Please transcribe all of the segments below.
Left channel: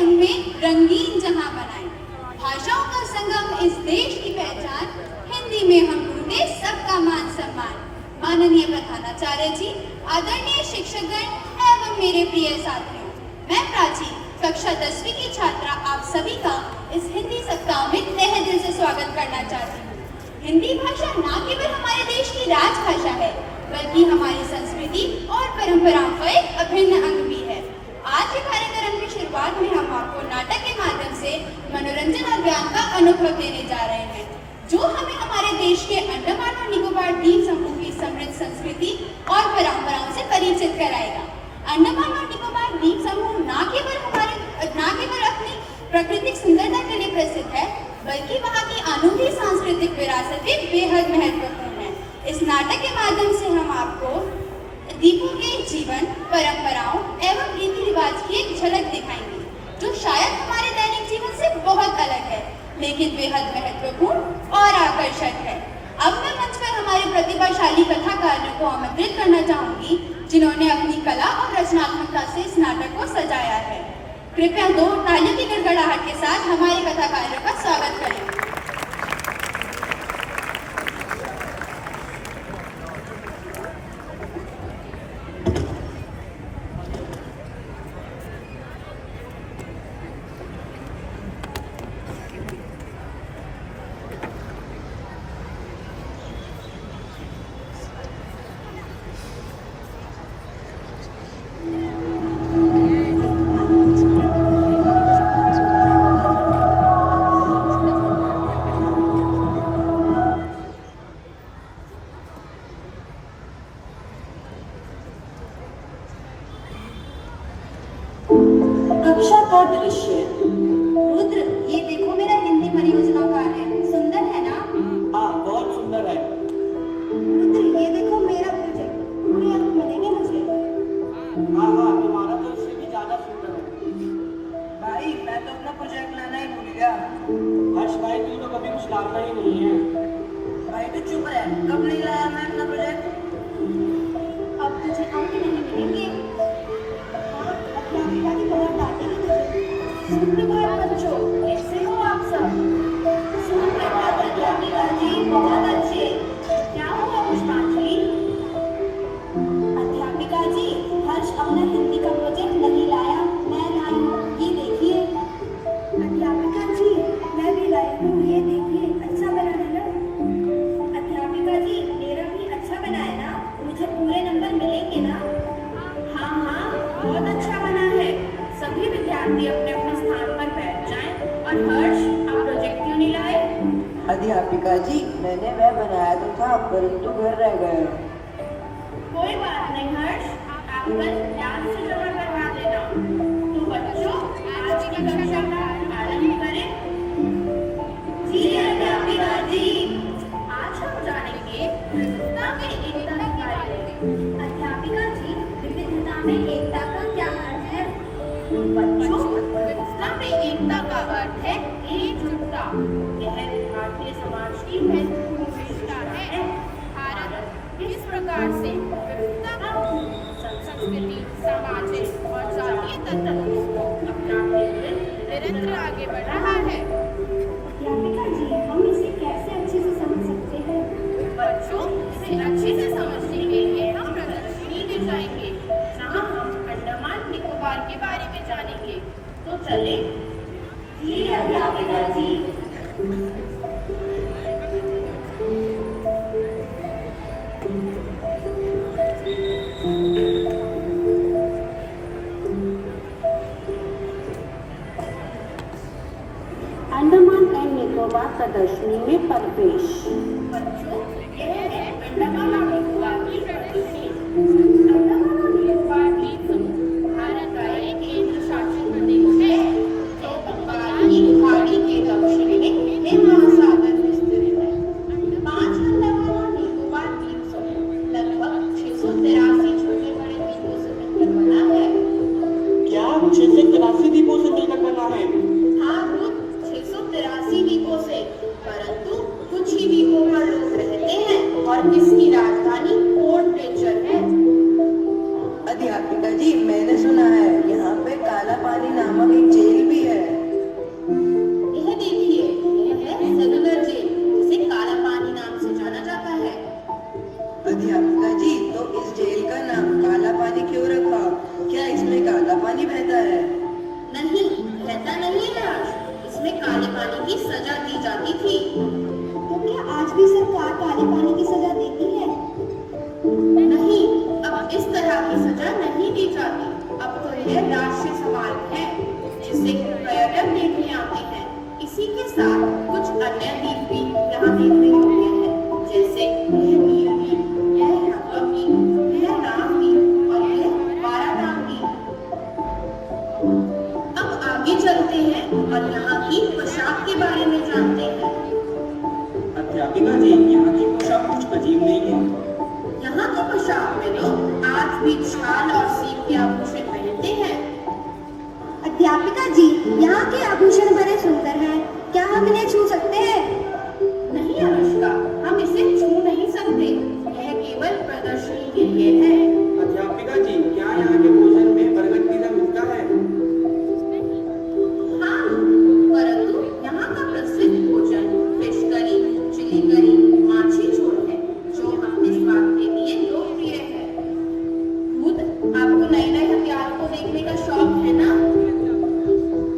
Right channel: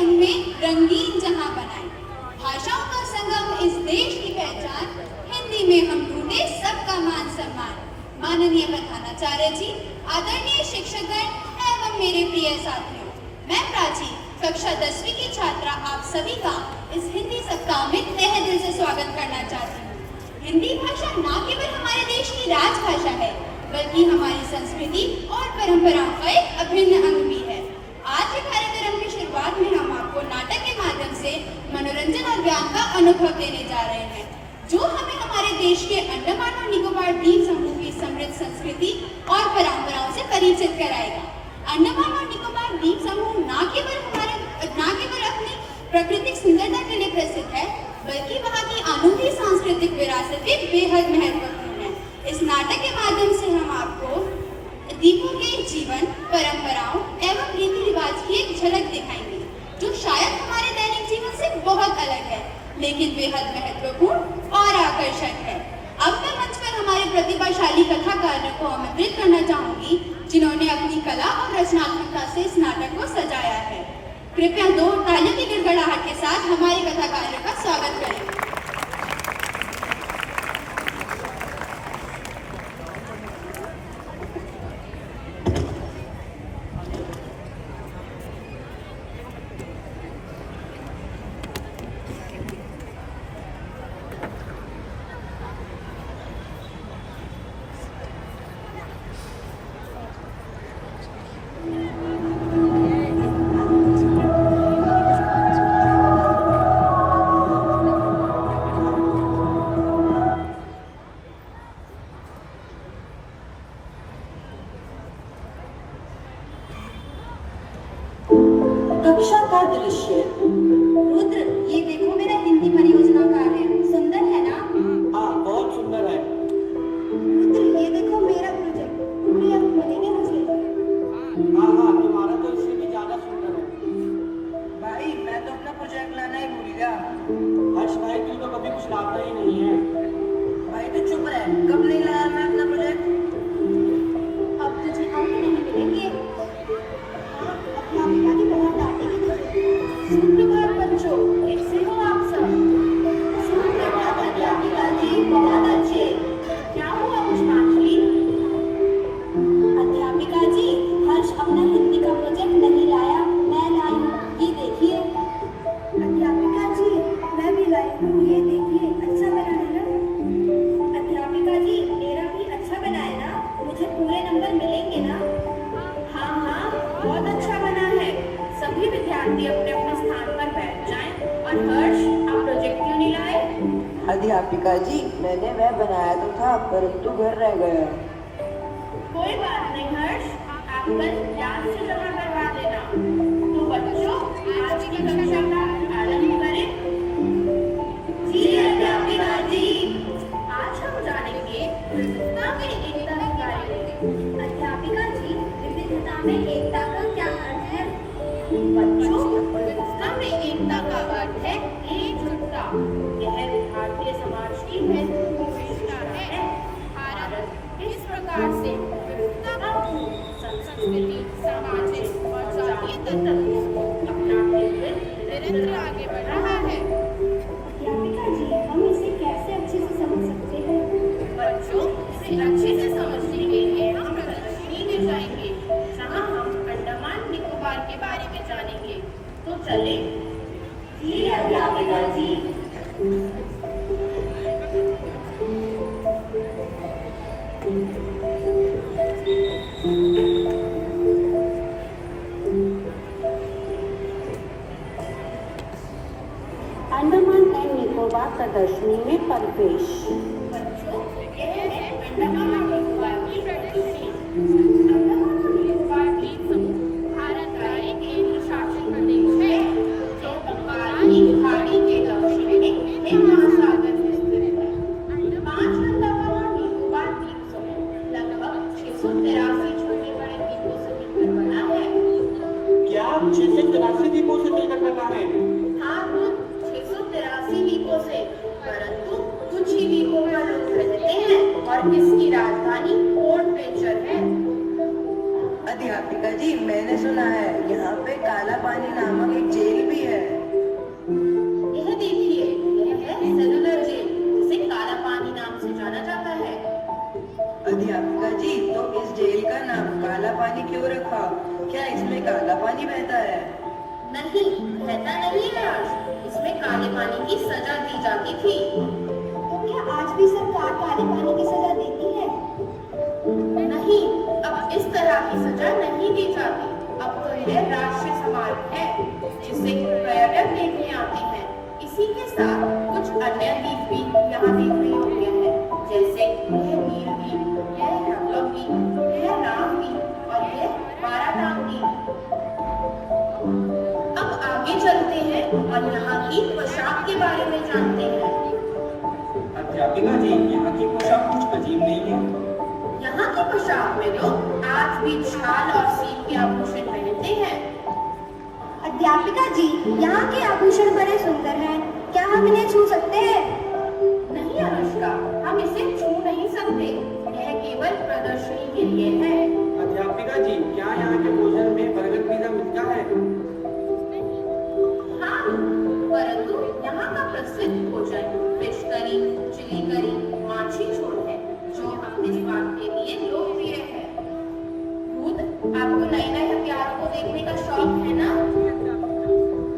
रंग में रंगीन जहां बनाए। भाषाओं का संगम इस देश की पहचान, हिंदी में हम ढूंढे सबका मान सम्मान। माननीय प्रधानाचार्य जी, आदरणीय शिक्षकगण एवं मेरे प्रिय साथियों, मैं प्राची कक्षा 10वीं की छात्रा आप सभी का इस हिंदी सप्ताह में तहे दिल से स्वागत करना चाहती हूँ। हिंदी भाषा न केवल हमारे देश की राजभाषा है, बल्कि हमारी संस्कृति और परंपराओं का एक अभिन्न अंग भी है। आज के कार्यक्रम की शुरुआत में हम आपको नाटक के माध्यम से मनोरंजन और ज्ञान का अनुभव देने जा रहे हैं, जो हमें हमारे देश के अंडमान और निकोबार द्वीप समूह की समृद्ध संस्कृति और परंपराओं से परिचित कराएगा। अंडमान और निकोबार द्वीप समूह न केवल अपनी प्राकृतिक सुंदरता के लिए प्रसिद्ध है, बल्कि वहाँ की अनूठी सांस्कृतिक विरासत भी बेहद महत्वपूर्ण है। इस नाटक के माध्यम से हम आपको द्वीपों के जीवन, परंपराओं एवं रीति रिवाज की एक झलक दिखाएंगे, जो शायद हमारे दैनिक जीवन से बहुत अलग है, लेकिन बेहद महत्वपूर्ण और आकर्षक है। अब मैं मंच पर हमारे प्रतिभाशाली कथाकारों को आमंत्रित करना चाहूंगी, जिन्होंने अपनी कला और रचनात्मकता से इस नाटक को सजाया है। कृपया 2 तालियों की गड़गड़ाहट के साथ हमारे कथाकारों का स्वागत करें। कक्षा का दृश्य। रुद्र, ये देखो मेरा हिंदी परियोजना कार्ड है, सुंदर है ना? हाँ, बहुत सुंदर है। रुद्र, ये देखो मेरा प्रोजेक्ट, पूरी आप मिलेंगे मुझे? हाँ हाँ, तुम्हारा तो इससे भी ज्यादा सुंदर है। भाई मैं तो अपना प्रोजेक्ट लाना ही भूल गया। हर्ष भाई, तू तो कभी कुछ लाता ही नहीं है। भाई तो चुप रहे, कब नहीं लाया मैं अपना प्रोजेक्ट? अब तुझे अंक नहीं मिलेंगे। अध्यापिका की बहुत डांटेगी तुझे। सुप्रभात बच्चों, कैसे हो आप सब? सुप्रभात अध्यापिका जी, बहुत अच्छे। क्या हुआ पुष्पांजलि? अध्यापिका जी, हर्ष अपना हिंदी का प्रोजेक्ट नहीं लाया, मैं लाई हूँ, ये देखिए। अध्यापिका जी, मैं भी लाई हूँ, ये देखिए, अच्छा बना है ना? अध्यापिका जी, मेरा भी अच्छा बना है ना? मुझे पूरे नंबर मिलेंगे ना? हाँ हाँ, बहुत अच्छा बना है। सभी विद्यार्थी अपने अपने स्थान पर बैठ जाएं। और हर्ष, आप प्रोजेक्ट क्यों नहीं लाए? अध्यापिका जी, मैंने वह बनाया तो था, परंतु घर रह गया। कोई बात नहीं हर्ष, आप कल याद से जमा करवा देना। तो बच्चों, आज की कक्षा का आरंभ करें। जी अध्यापिका जी। आज हम जानेंगे विविधता में एकता के बारे में। अध्यापिका जी, विविधता में एकता का क्या अर्थ है? बच्चों, विविधता में एकता का अर्थ है एकजुटता। यह भारतीय समाज की महत्वपूर्ण विशेषता है। भारत किस प्रकार से विविधतापूर्ण संस्कृति, सामाजिक और जातीय तत्वों को अपनाते हुए निरंतर आगे बढ़ रहा है। अध्यापिका जी, हम इसे कैसे अच्छे से समझ सकते हैं? बच्चों, इसे अच्छे से समझने के लिए हम प्रदर्शनी में जाएंगे, जहाँ हम अंडमान निकोबार के बारे में जानेंगे। तो चले। जी अध्यापिका जी। अंडमान एंड निकोबार प्रदर्शनी में प्रवेश। बच्चों, यह है अंडमान और निकोबार की प्रदर्शनी। अंडमान और निकोबार द्वीप समूह भारत का एक केंद्र शासित प्रदेश है, जो बंगाल की खाड़ी के दक्षिण में महासागर में स्थित है। 5 अंडमान और निकोबार द्वीप समूह लगभग 683 छोटे बड़े द्वीपों से मिलकर बना है। क्या 683 द्वीपों से मिलकर बना है? हाँ, 683 द्वीपों से, परंतु कुछ ही द्वीपों पर लोग रहते हैं और इसकी राजधानी पोर्ट ब्लेयर है। जिससे पर्यटक देखने आते हैं। इसी के साथ कुछ अन्य गीत भी यहाँ देखने योग्य हैं, जैसे यह नील गीत, यह भगवत गीत, यह राम गीत और यह बारात गीत। अब आगे चलते हैं और यहाँ की पोशाक के बारे में जानते हैं। अध्यापिका जी, यहाँ की पोशाक कुछ अजीब नहीं है। यहाँ की पोशाक में तो आज भी शाल और सीप के आभूषण पहनते हैं। अध्यापिका जी, यहाँ के आभूषण बड़े सुंदर हैं। क्या हम इन्हें छू सकते हैं? नहीं अनुष्का, हम इसे छू नहीं सकते। यह केवल प्रदर्शनी के लिए है। अध्यापिका जी, क्या यहाँ के भोजन में बरगद की दाल मिलता है? हाँ, परंतु यहाँ का प्रसिद्ध भोजन फिश करी, चिली करी, माछी झोल है, जो अपने स्वाद के लिए लोकप्रिय है। खुद आपको नए नए हथियारों को देखने का शौक है ना?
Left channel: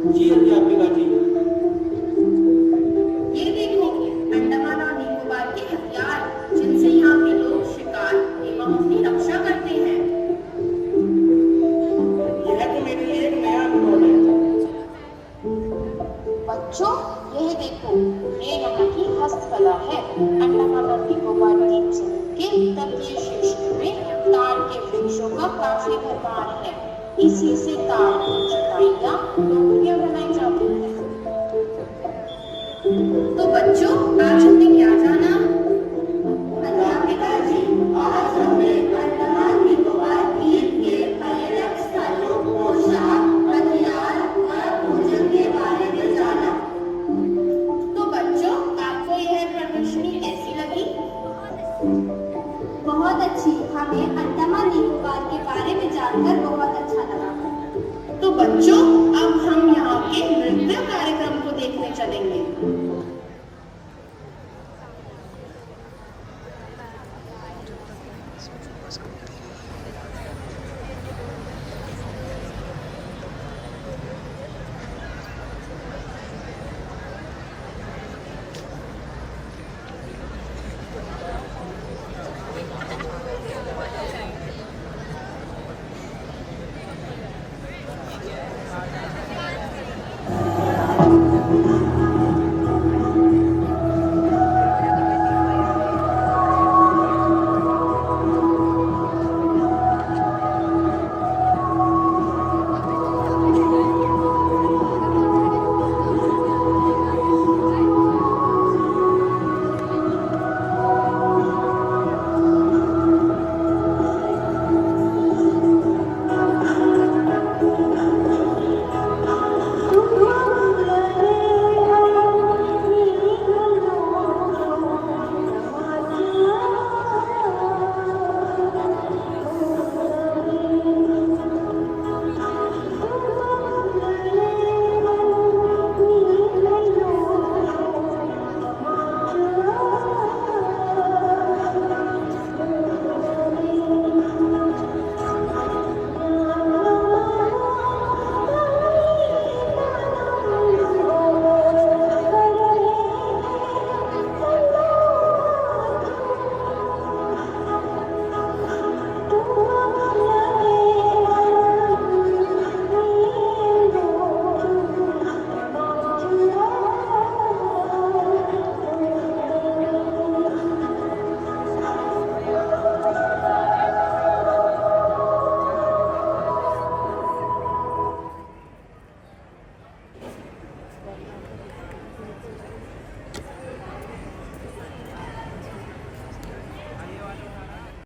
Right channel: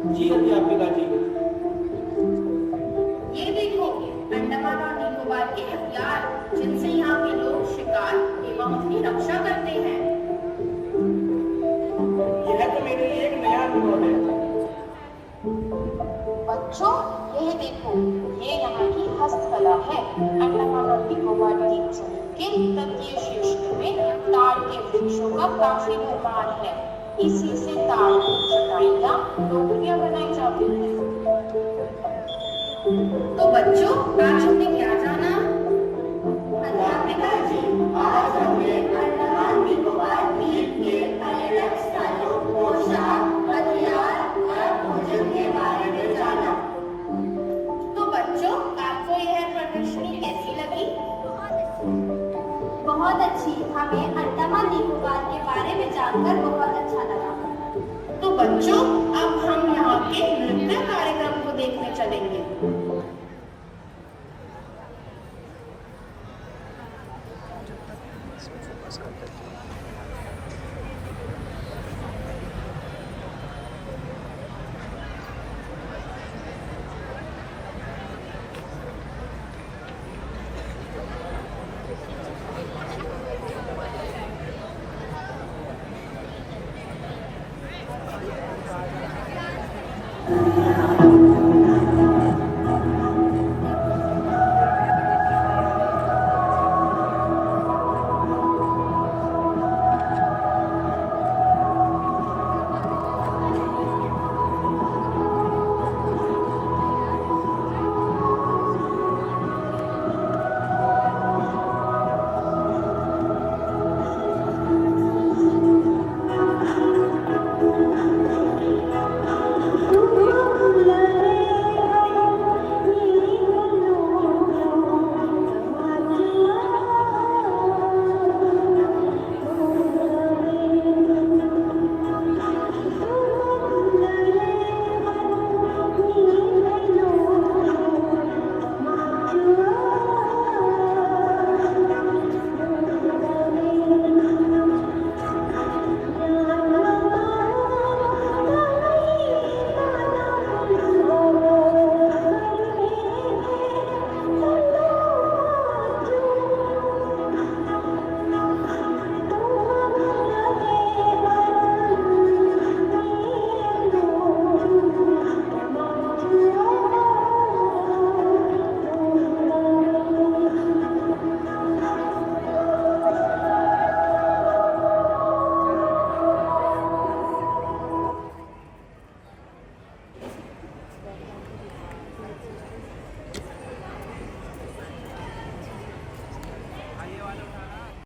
जी अध्यापिका जी। ये देखो, अंडमान और निकोबार के हथियार, जिनसे यहाँ के लोग शिकार एवं अपनी रक्षा करते हैं। यह तो मेरे लिए एक नया अनुभव है। बच्चों, यह देखो, ये यहाँ की हस्तकला है। अंडमान और निकोबार द्वीप के तटीय क्षेत्र में ताड़ के वृक्षों का काफी भरमार है। इसी से ताड़ की चटाइयाँ टोकरियाँ बनाई जाती हैं। तो बच्चों, आज हमने क्या जाना? अध्यापिका जी, आज हमने अंडमान निकोबार द्वीप के पर्यटक स्थलों, पोशाक, हथियार और भोजन के बारे में जाना। तो बच्चों, आपको यह प्रदर्शनी कैसी लगी? बहुत अच्छी। हमें अंडमान निकोबार के बारे में जानकर बहुत अच्छा लगा। तो बच्चों, अब हम यहाँ के नृत्य कार्यक्रम को देखने चलेंगे।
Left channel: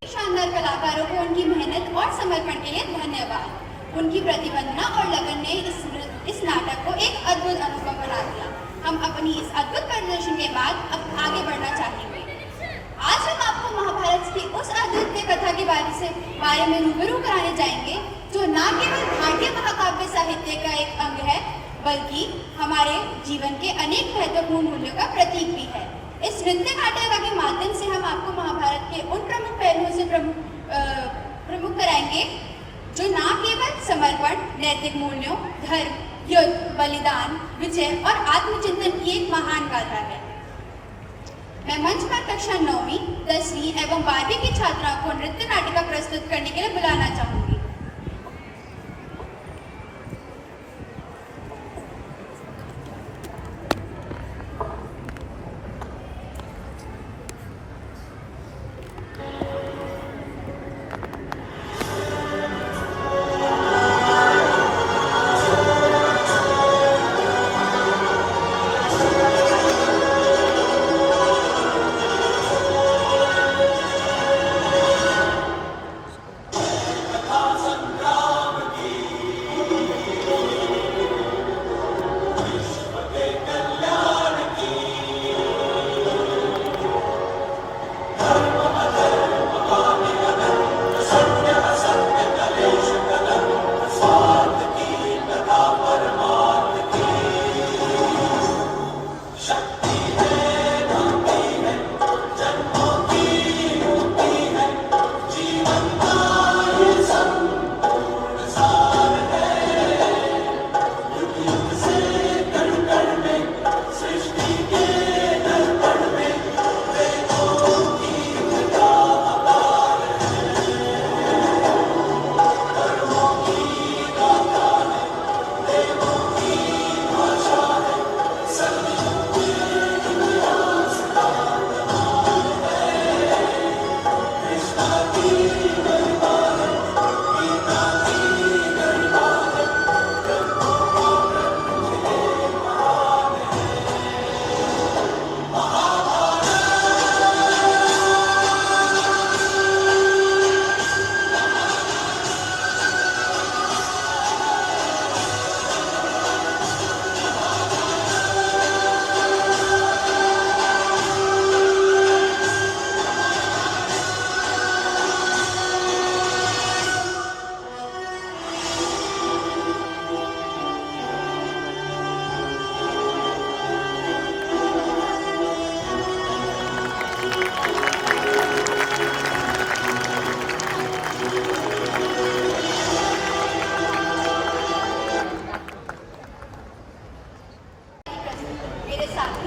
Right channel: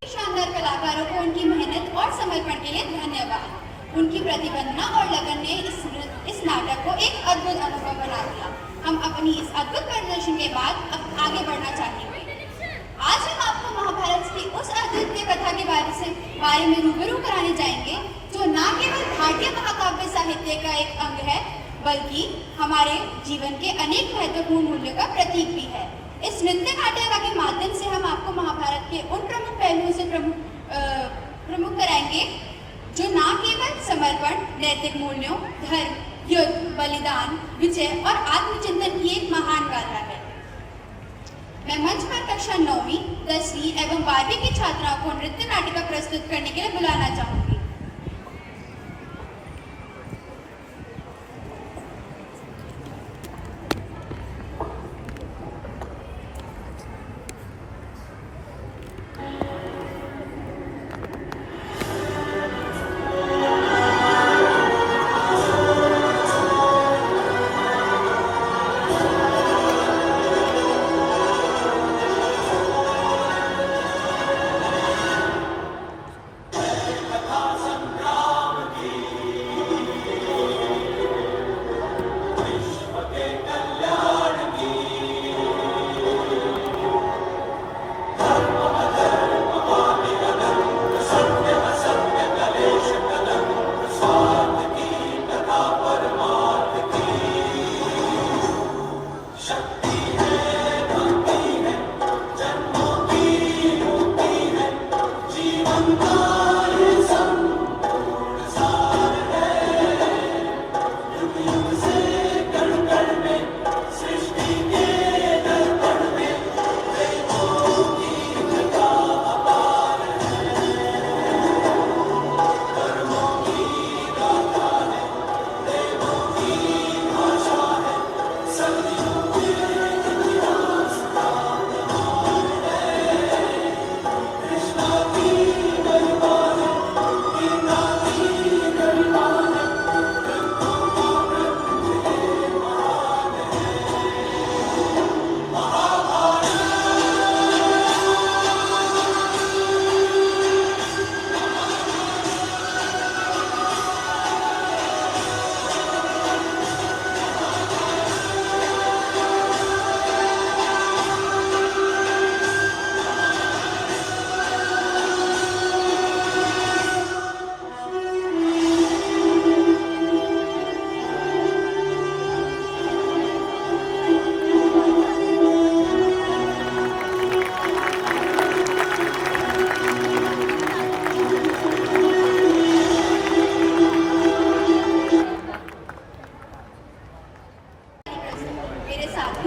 शानदार कलाकारों को उनकी मेहनत और समर्पण के लिए धन्यवाद। उनकी प्रतिबद्धता और लगन ने इस नाटक को एक अद्भुत अनुभव बना दिया। हम अपनी इस अद्भुत प्रदर्शन के बाद अब आगे बढ़ना चाहेंगे। आज हम आपको महाभारत की उस अद्वितीय कथा के बारे में रूबरू कराने जाएंगे, जो न केवल भारतीय महाकाव्य साहित्य का एक अंग है, बल्कि हमारे जीवन के अनेक महत्वपूर्ण मूल्यों का प्रतीक भी है। इस नृत्य नाटिका के माध्यम से हम आपको महाभारत के उन प्रमुख पहलुओं से प्रमुख कराएंगे, जो न केवल समर्पण, नैतिक मूल्यों, धर्म, युद्ध, बलिदान, विजय और आत्मचिंतन की एक महान गाथा है। मैं मंच पर कक्षा 9वीं, 10वीं एवं 12वीं की छात्राओं को नृत्य नाटिका प्रस्तुत करने के लिए बुलाना चाहूंगी।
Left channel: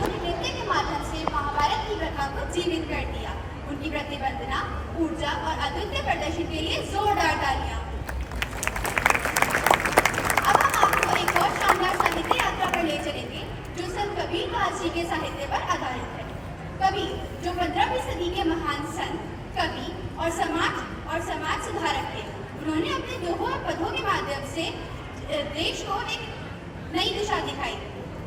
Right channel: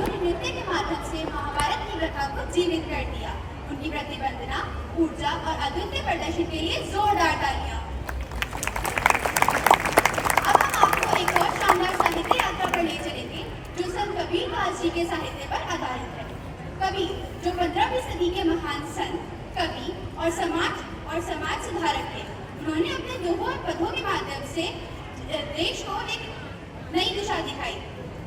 उन्होंने नृत्य के माध्यम से महाभारत की प्रथा को जीवित कर दिया। उनकी प्रतिबद्धता, ऊर्जा और अद्वितीय प्रदर्शन के लिए जोरदार तालियां। अब हम आपको एक और शानदार साहित्य यात्रा पर ले चलेंगे जो संत कबीरदास जी के साहित्य पर आधारित है। कबीर जो 15वीं सदी के महान संत, कवि और समाज सुधारक थे। उन्होंने अपने दोहों और पदों के माध्यम से देश को एक नई दिशा दिखाई।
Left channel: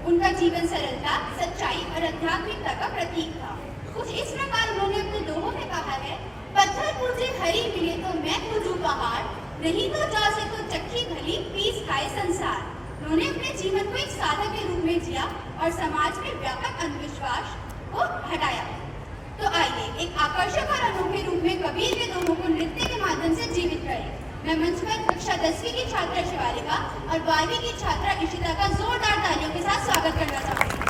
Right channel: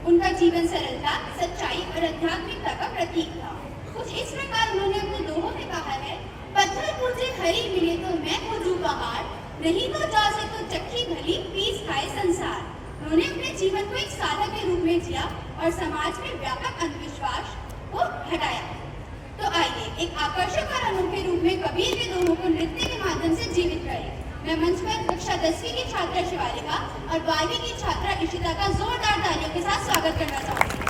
उनका जीवन सरलता, सच्चाई और आध्यात्मिकता का प्रतीक था। कुछ इस प्रकार उन्होंने अपने दोहों में कहा है, पत्थर पूजे हरी मिले तो मैं पूजू पहाड़, नहीं तो जा से तो चक्की भली पीस खाए संसार। उन्होंने अपने जीवन को एक साधक के रूप में जिया और समाज में व्यापक अंधविश्वास को हटाया। तो आइए एक आकर्षक और अनोखे रूप में कबीर के दोहों को नृत्य के माध्यम से जीवित करें। मैं मंच पर कक्षा 10वीं की छात्रा शिवालिका और 12वीं की छात्रा इशिता का जोरदार तालियों के साथ स्वागत करना चाहूंगी।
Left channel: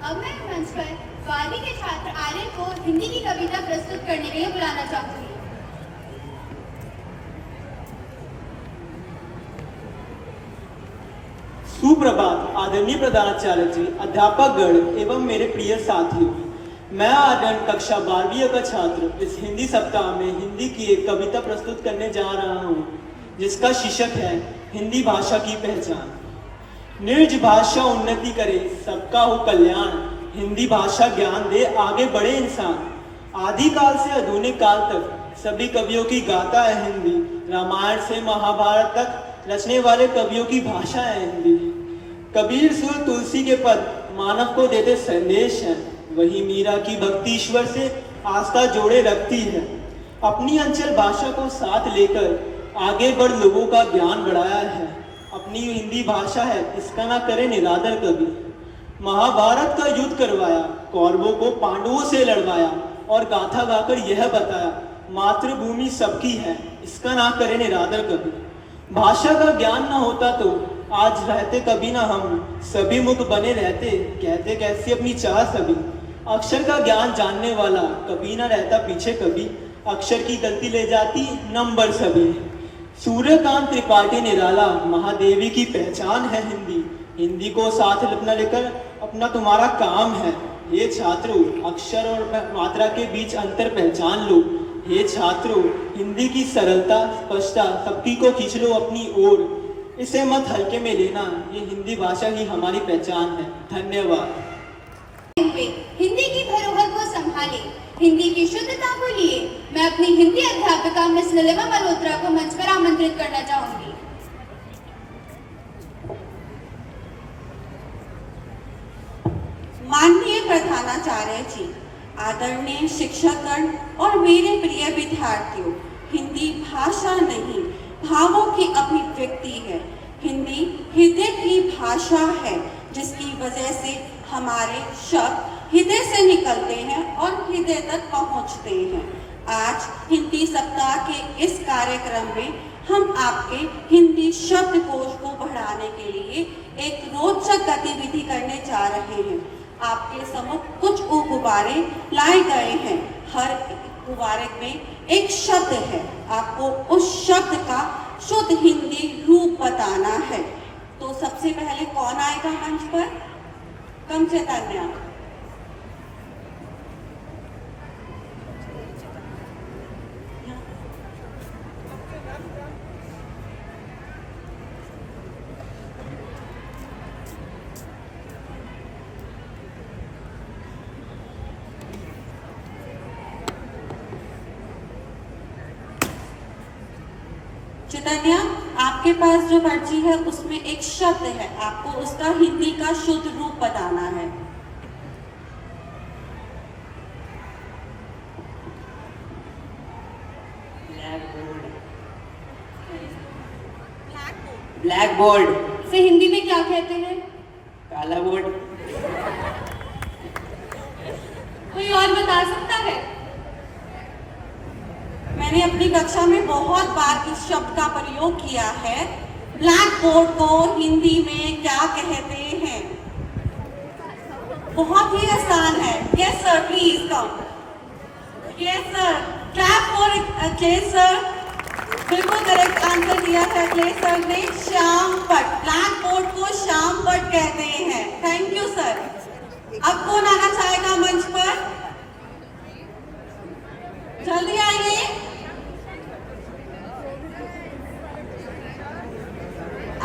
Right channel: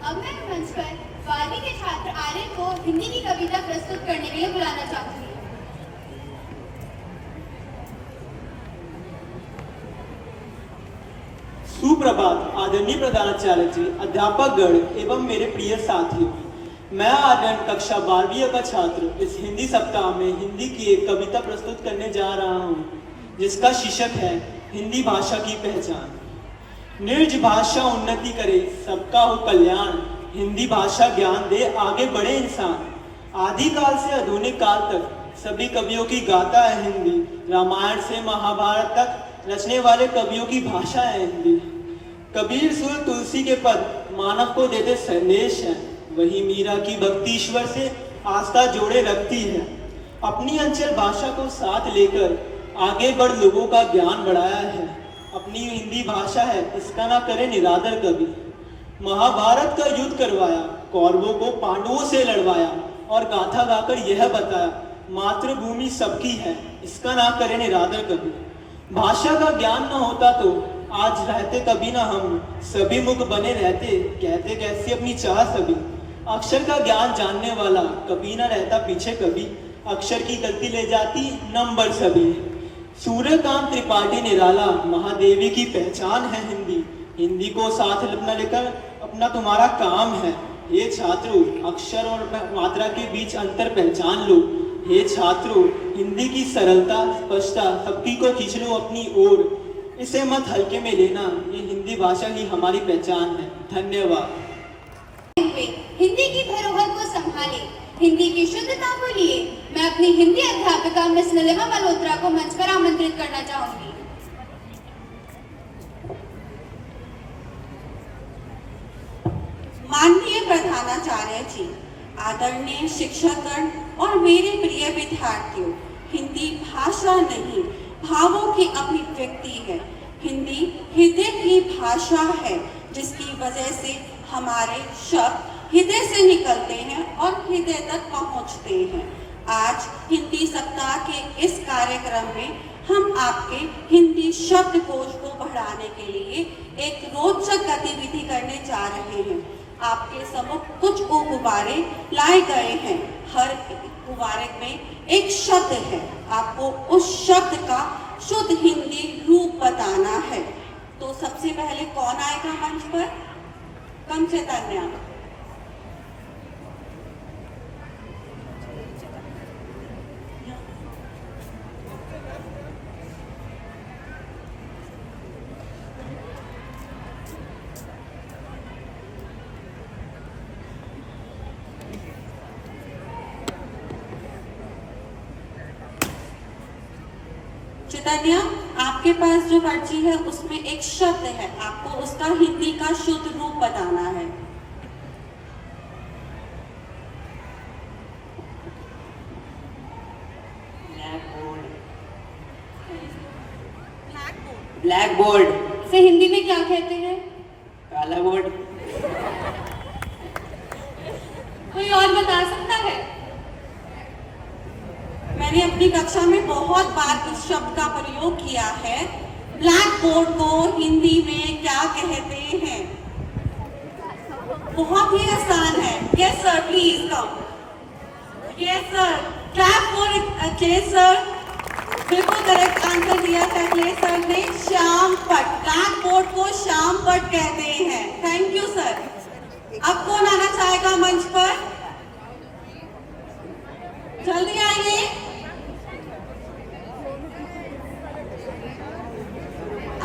अब मैं मंच पर 12वीं के छात्र आर्य को हिंदी की कविता प्रस्तुत करने के लिए बुलाना चाहूंगी। सुप्रभात आदरणीय प्रधानाचार्य जी, अध्यापक गण एवं मेरे प्रिय साथियों। मैं आनंद कक्षा 12वीं का छात्र इस हिंदी सप्ताह में हिंदी की एक कविता प्रस्तुत करने जा रहा हूँ, जिसका शीर्षक है हिंदी भाषा की पहचान। निर्ज भाषा उन्नति करे, सबका हो कल्याण, हिंदी भाषा ज्ञान दे, आगे बढ़े इंसान। आदिकाल से आधुनिक काल तक सभी कवियों की गाथा है हिंदी। रामायण से महाभारत तक रचने वाले कवियों की भाषा है हिंदी। कबीर सुर तुलसी के पद मानव को देते संदेश हैं। वही मीरा की भक्ति ईश्वर से आस्था जोड़े रखती है। अपनी अंचल भाषा को साथ लेकर आगे बढ़ लोगों का ज्ञान बढ़ाया है। अपनी हिंदी भाषा है, इसका ना करे निरादर कभी। महाभारत का युद्ध करवाया, कौरवों को पांडवों से लड़वाया और गाथा गाकर यह बताया, मातृभूमि सबकी है, इसका ना करे निरादर कभी। भाषा का ज्ञान ना होता तो आज रहते कभी ना हम, सभी मुख बने रहते, कहते कैसी अपनी चाह सभी। अक्षर का ज्ञान जानने वाला कभी ना रहता पीछे कभी, अक्षर की गलती ले जाती नंबर सभी। सूर्यकांत त्रिपाठी निराला, महादेवी की पहचान है हिंदी। हिंदी को साथ अपना लेकर अपना तुम्हारा काम है। हे छात्रों, अक्षर और मात्रा के बीच अंतर पहचान लो। हे छात्रों, हिंदी की सरलता, स्पष्टता, सबकी को खींच लो अपनी ओर। इसे मत हल्के में लेना, ये हिंदी भाषा ही हमारी पहचान है। धन्यवाद। हिंदी की धरोहर को संभाले, हिंदी की शुद्धता को लिए मैं अपनी हिंदी अध्यापिका मिस नीलिमा मल्होत्रा को मंच पर आमंत्रित करना चाहूंगी। माननीय प्रधानाचार्य जी, आदरणीय शिक्षकगण और मेरे प्रिय विद्यार्थियों, हिंदी भाषा नहीं, भावों की अभिव्यक्ति है। हिंदी हृदय की भाषा है, जिसकी वजह से हमारे शब्द हृदय से निकलते हैं और हृदय तक पहुंचते हैं। आज हिंदी सप्ताह के इस कार्यक्रम में हम आपके हिंदी शब्दकोश को बढ़ाने के लिए एक रोचक गतिविधि करने जा रहे हैं। आपके सम्मुख कुछ गुब्बारे लाए गए हैं। हर गुब्बारे में एक शब्द है। आपको उस शब्द का शुद्ध हिंदी रूप बताना है। तो सबसे पहले कौन आएगा मंच पर? कम चैतन्य। चैतन्य, आपके पास जो पर्ची है उसमें एक शब्द है, आपको उसका हिंदी का शुद्ध रूप बताना है। ब्लैक बोर्ड से हिंदी में क्या कहते हैं? काला बोर्ड। कोई और बता सकता है? मैंने अपनी कक्षा में बहुत बार इस शब्द का प्रयोग किया है। ब्लैक बोर्ड को हिंदी में क्या कहते हैं? बहुत ही आसान है। Yes sir, please come. Yes sir, clap for clay sir. बिल्कुल करेक्ट आंसर दिया था क्ले सर ने, श्याम पट। ब्लैक बोर्ड को श्याम पट कहते हैं। Thank you sir. अब कौन आना चाहेगा मंच पर? जल्दी आइए।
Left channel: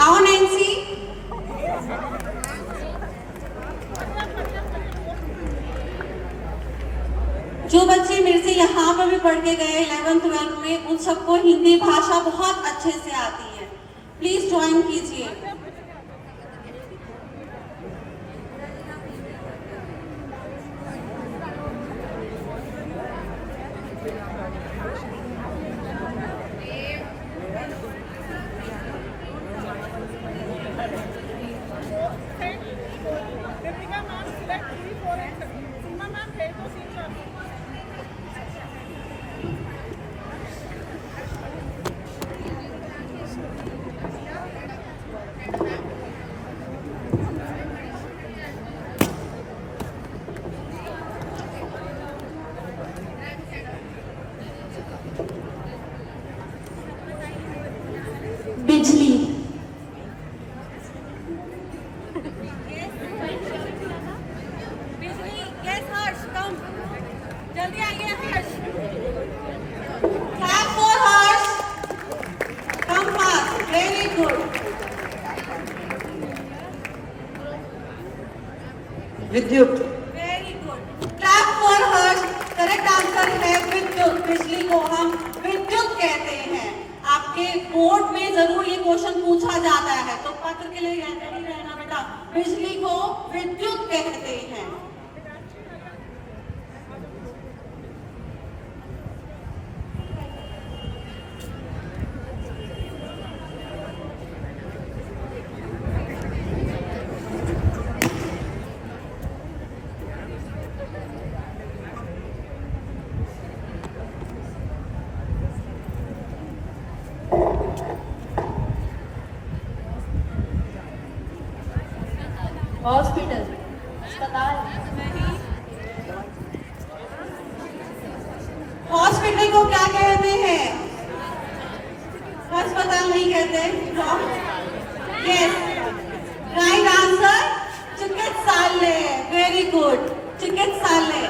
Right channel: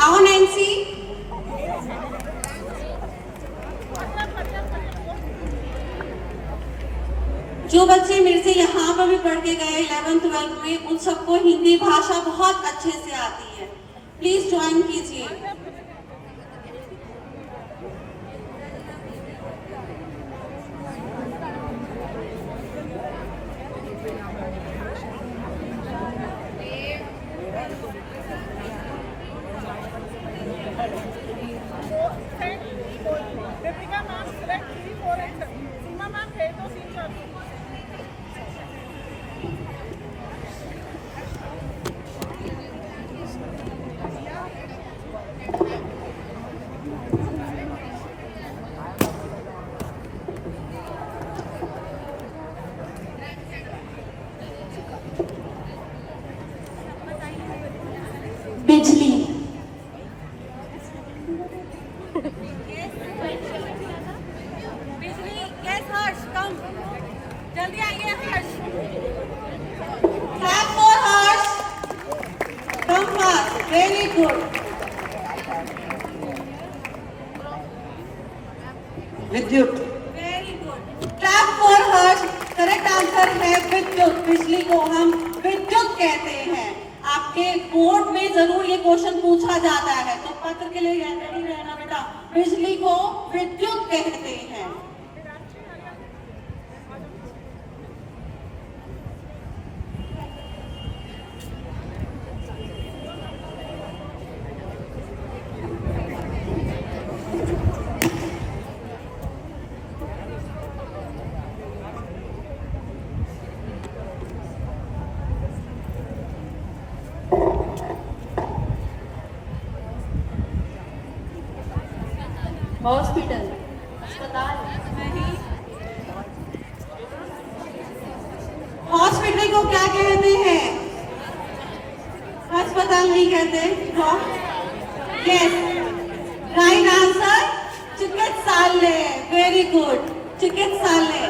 आओ नैन्सी। जो बच्चे मेरे से यहाँ पर भी पढ़ के गए 11th-12th में, उन सबको हिंदी भाषा बहुत अच्छे से आती है। प्लीज ज्वाइन कीजिए। Deepika ma'am select 3, 4 and 7. Seema ma'am है तो सीन शॉट। बिजली। बिजली। यस हर्ष, कम जल्दी आइए Harsh. Clap for Harsh. Come fast, very good. विद्युत। Very good, clap for Harsh. Correct answer है विद्युत। बिजली को हम विद्युत कहते हैं। आपके बोर्ड में जरूर ये क्वेश्चन पूछा जाता है, तो पत्र के लिए रेडी रहना बेटा। बिजली को विद्युत कहते हैं। हॉस्पिटल, अस्पताल। हॉस्पिटल को क्या कहते हैं? अस्पताल नहीं कहते। Yes, right answer. Very good. चिकित्सालय।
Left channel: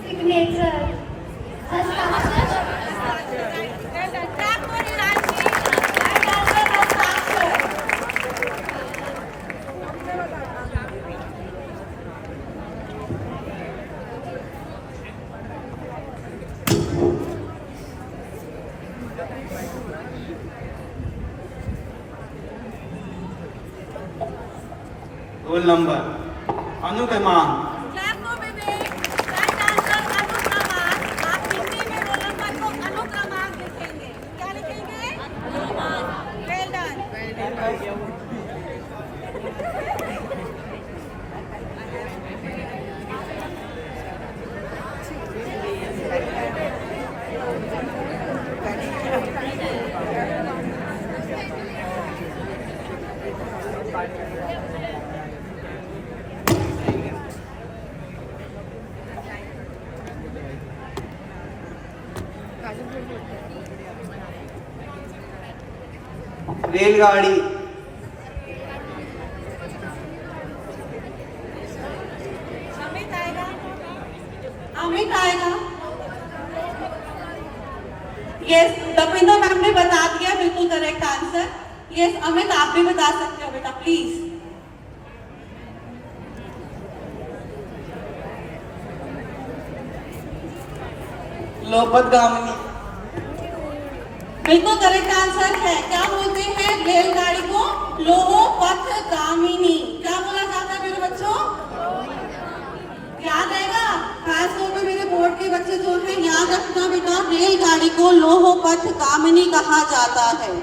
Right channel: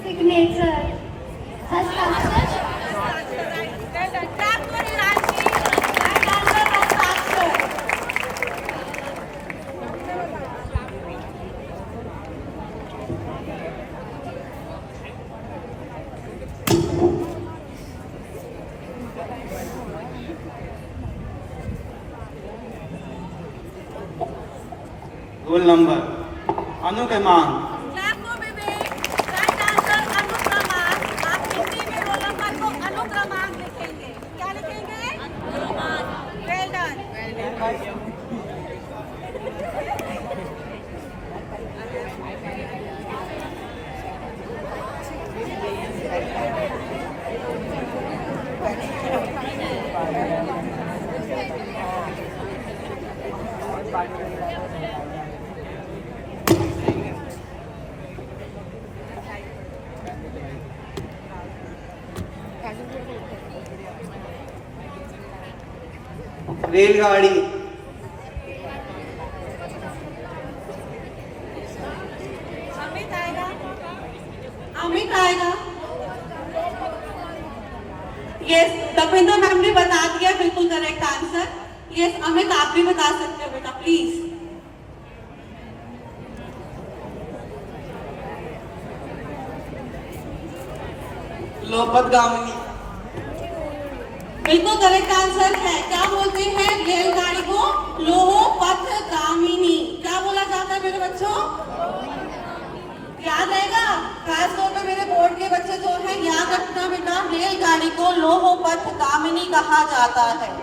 सिग्नेचर, हस्ताक्षर, रोल नंबर, अनुक्रमांक, आप हिंदी में रोल नंबर को अनुक्रमांक लिखेंगे। क्या लिखेंगे? Well done. रेलगाड़ी, अमित आएगा। अमित आएगा। यस, दविंदर मैम ने बता दिया, बिल्कुल करेक्ट आंसर। यस अमित, आप भी बता सकते हो बेटा, प्लीज। लोपतगामिनी, बिल्कुल करेक्ट आंसर है। क्या बोलते हैं रेलगाड़ी को? लोहपथगामिनी। क्या बोला जाता है मेरे बच्चों? याद आएगा? खास तौर पे मेरे बोर्ड के बच्चे जो है, याद रखना बेटा, रेलगाड़ी को लोहपथगामिनी कहा जाता है।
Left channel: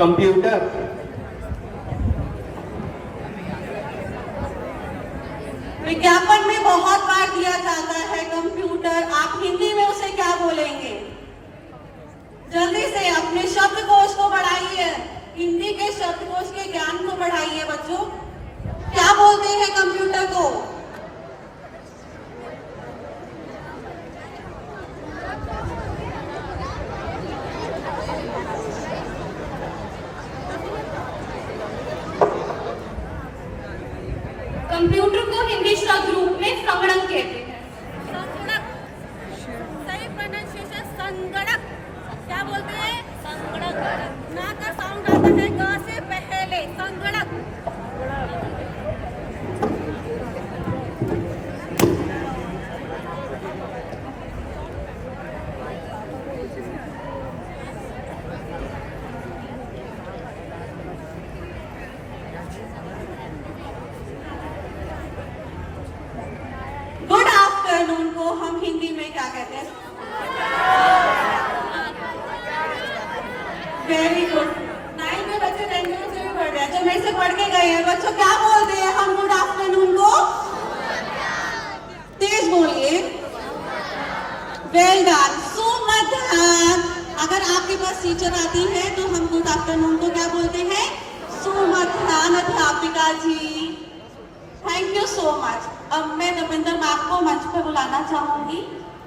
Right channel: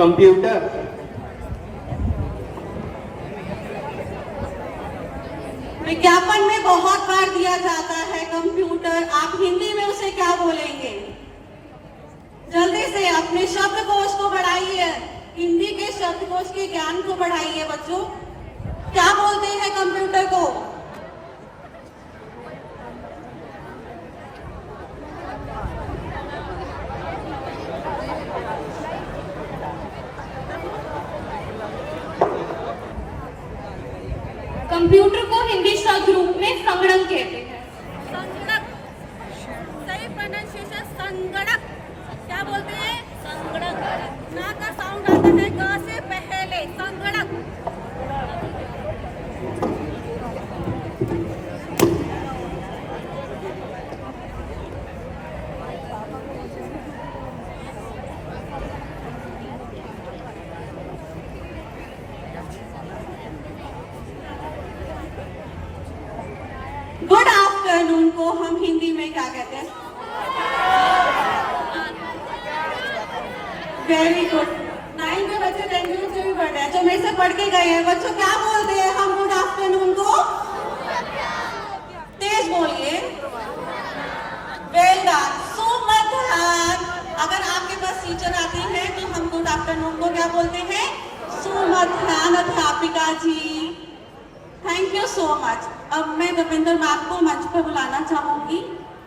कंप्यूटर, विज्ञापन में बहुत बार दिया जाता है कंप्यूटर। आप हिंदी में उसे क्या बोलेंगे? जल्दी से अपने शब्दकोश को बढ़ाइए, हिंदी के शब्दकोश के ज्ञान को बढ़ाइए बच्चों। क्या बोलते हैं कंप्यूटर को? कंप्यूटर को हिंदी शब्द रूप में संगणक कहते हैं। संगणक, सही प्रोनाउंसिएशन संगणक। क्या बोलते हैं? संगणक। ना का साउंड आता है ग से पहले, संगणक। गुड आफ्टरनून को हम हिंदी में क्या कहते हैं? Very good. 9 में बच्चे 10 मिनट से भी पढ़ रहे हैं, जो मेरे से पढ़ के गए हैं। बच्चों क्या बोलते हैं हम गुड आफ्टरनून को? तेज बोलिए। Well done. सुमध्यान। अगर आपके पास टीचर आती है तो हम गुड आफ्टरनून को क्या बोलते हैं? सुमध्यान अध्यापिका जी। Thank you so much. अब मैं दविंदर मैम को मंच पर बुलाना चाहूंगी।